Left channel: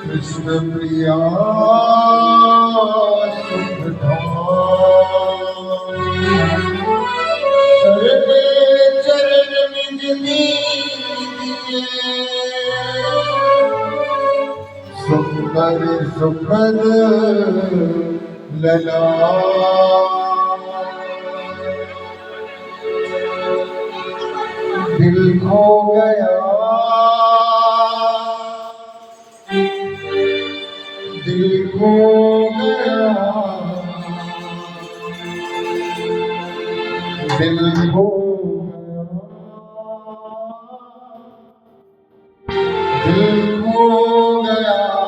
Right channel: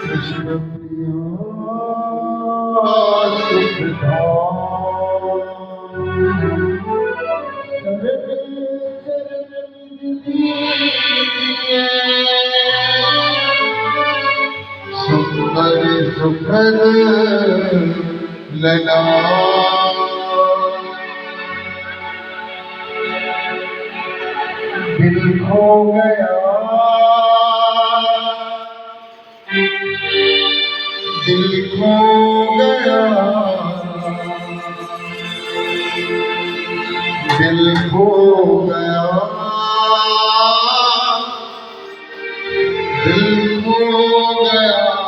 कृष्ण प्रिया सरदे चरण निज दीजिए सुंदर सुखद लला दिल खो गया दिल खो गया दिल खो गया दिल खो गया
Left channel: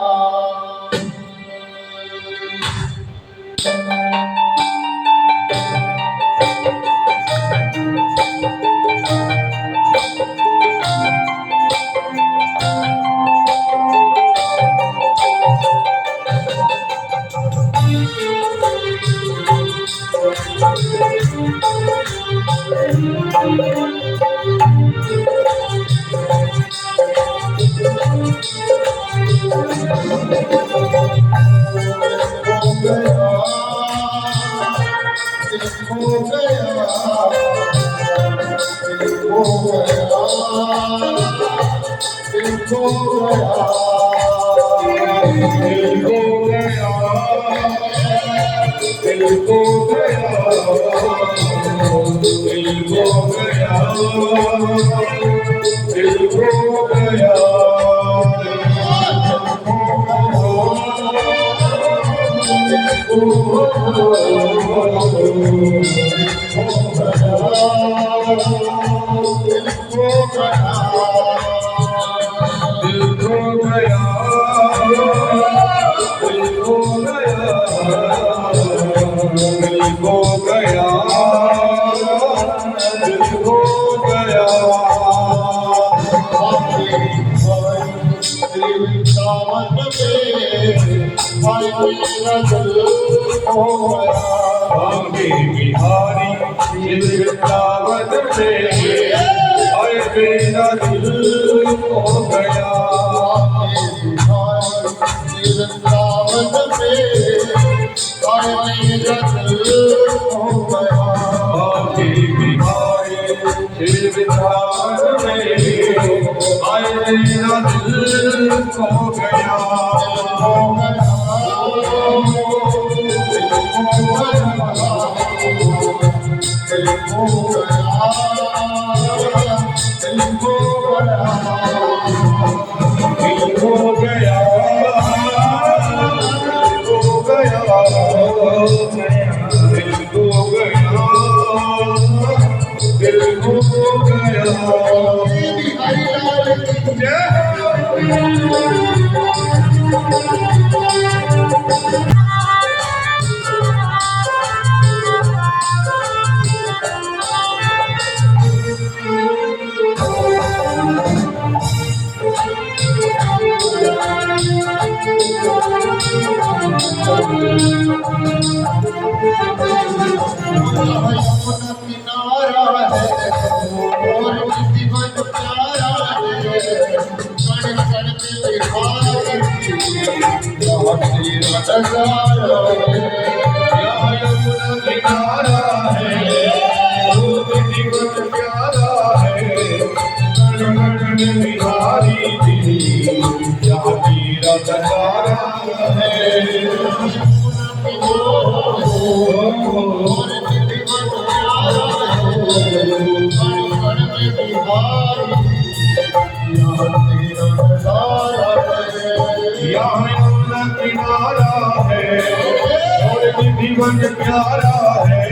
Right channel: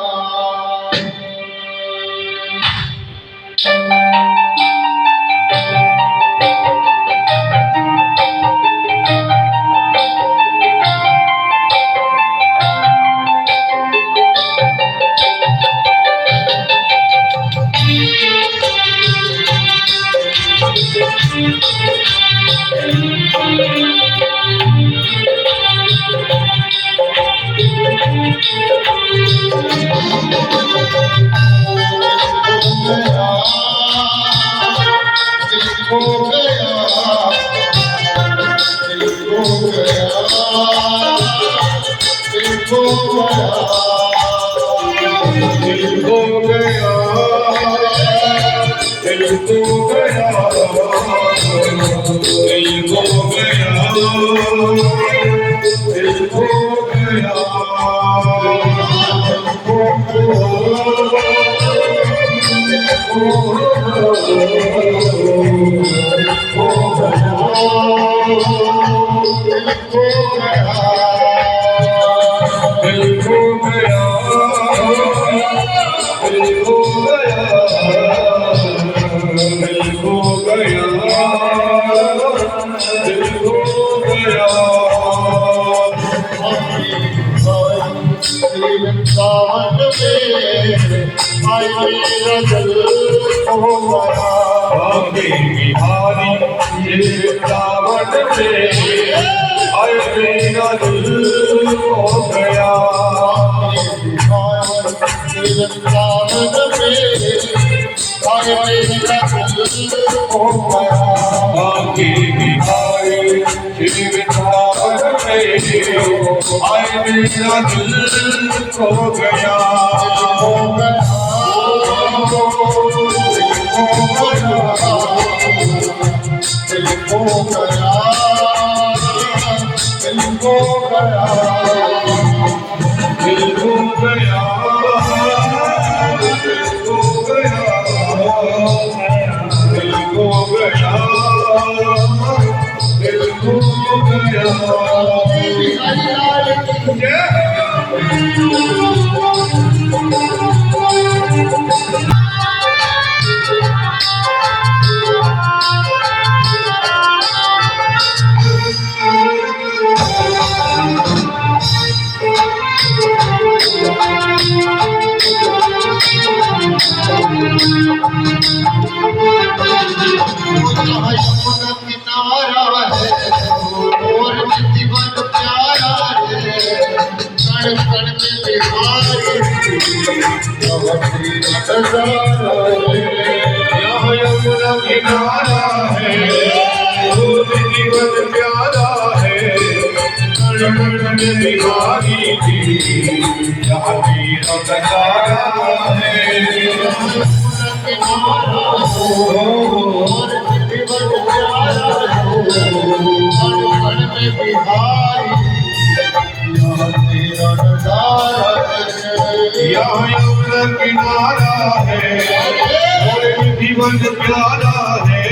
जीवन प्यारा है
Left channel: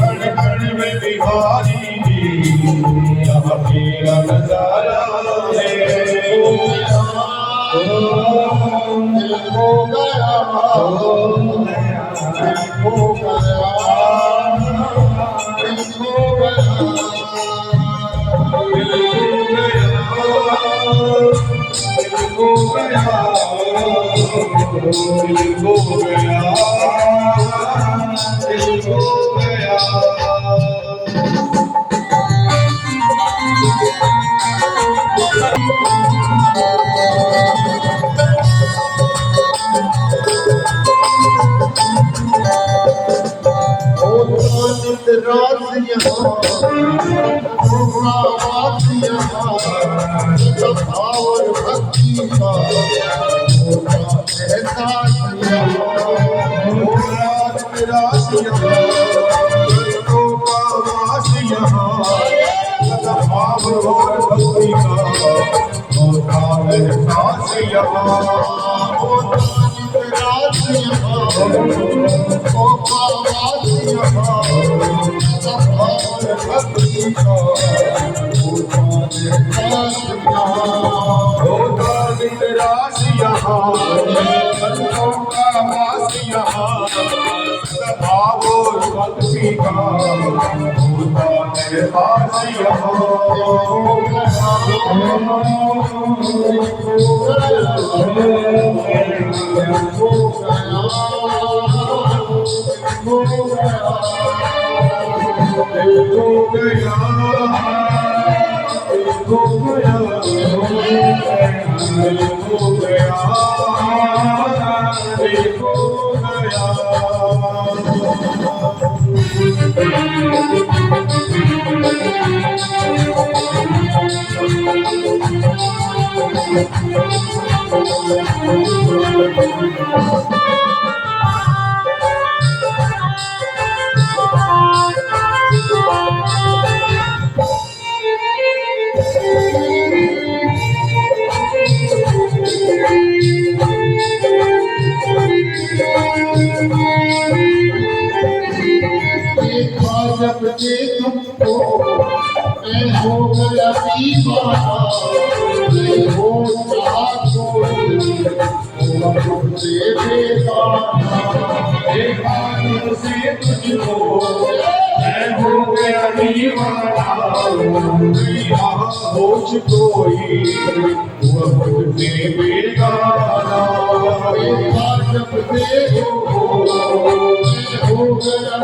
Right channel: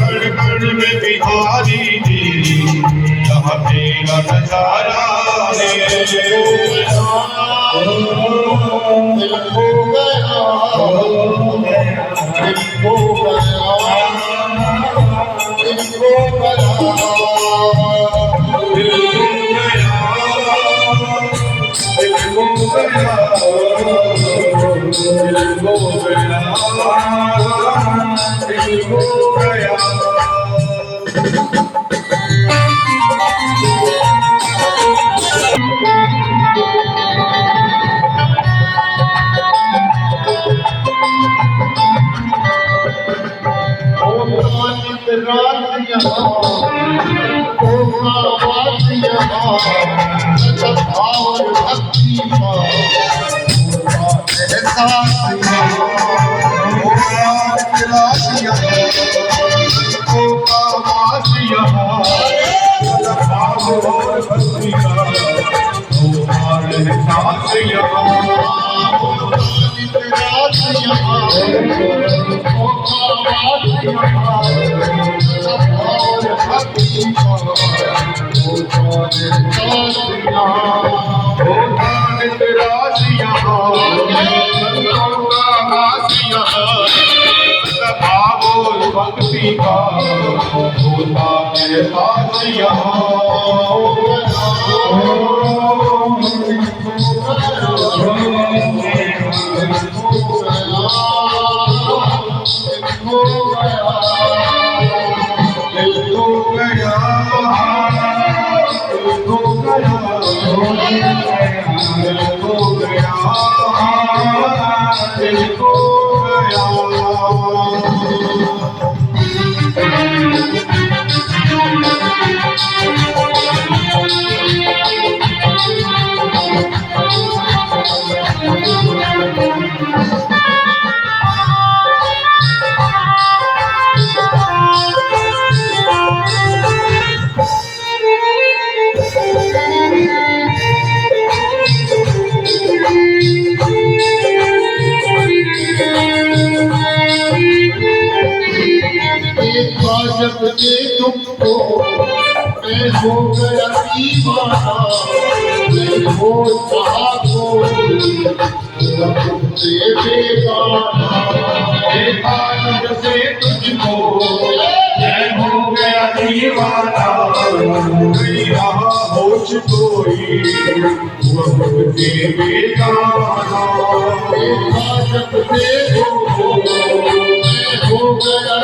कण कण में बिहारी जी यहाँ तेरा नजारा है दिल खो गया दिल खो गया दिल खो गया दिल खो गया, दिल खो गया, दिल खो गया। नित रात यहाँ आवाज यहाँ सत भाव भक्ति का एहसास भक्ति का होता एहसास जब दे तुमको मैं हो गया दीवाना मैं हो चाहा कोई तुमसे बेगाना देखा तुझसे तुझको मैं हो गया दीवाना गया होश कोई तुमसे बेगाना देखा जब दे तुमको मैं हो गया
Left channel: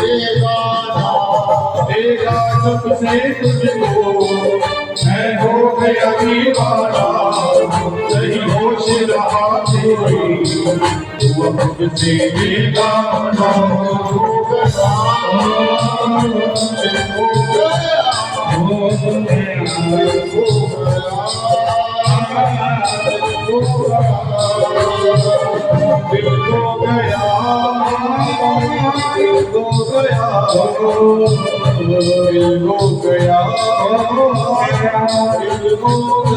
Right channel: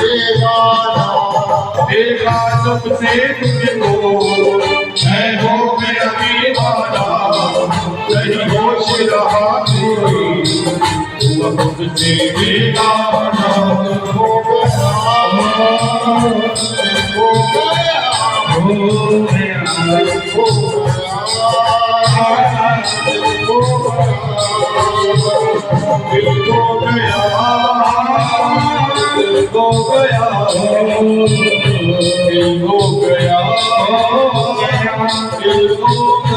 दीवाना देखा सबसे तुझको मैं हो गया दीवाना नहीं होश रहा कोई तू मुझसे बेगाना हो गया हो गया हो गया दिल खो गया दिल खो गया दिल खो